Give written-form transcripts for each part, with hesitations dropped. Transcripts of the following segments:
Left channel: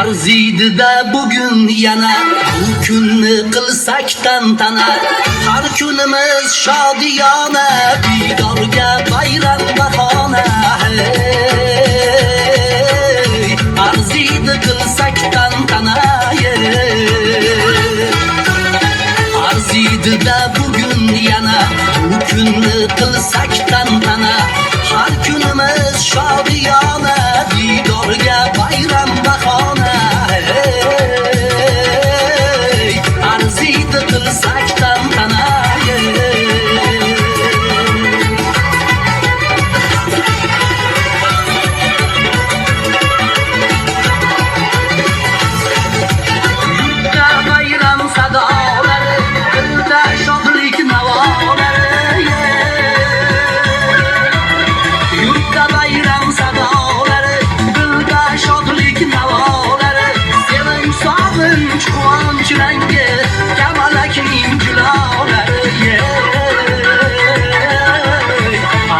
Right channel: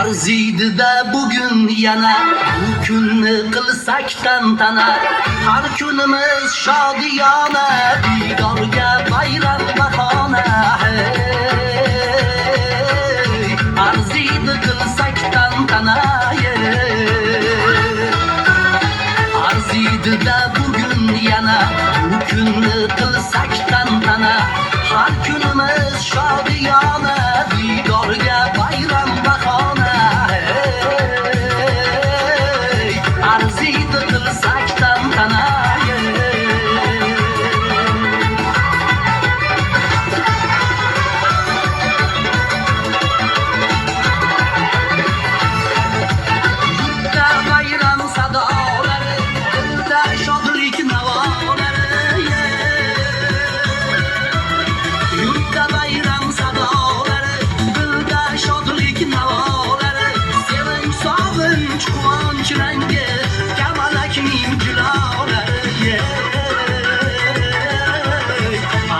Arziydi-da bugün yana bu kunni qilsak tantana, har kunimiz shodiyona, didorga bayram bahona. Hey, arziydi qilsak tantana, arziydi-da bugün yana bu kunni qilsak tantana, har kunimiz shodiyona, didorga bayram bahona.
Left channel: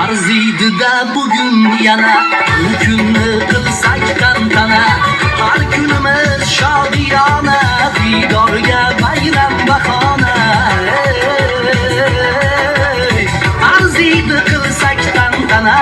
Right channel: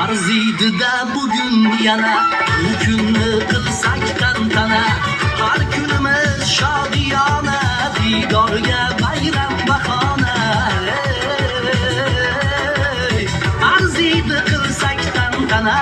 Arziydi-da bugün yana bu kunni qilsak tantana, har kunimiz shodiyona, didorga bayram bahona. Arziydi qilsak tantana.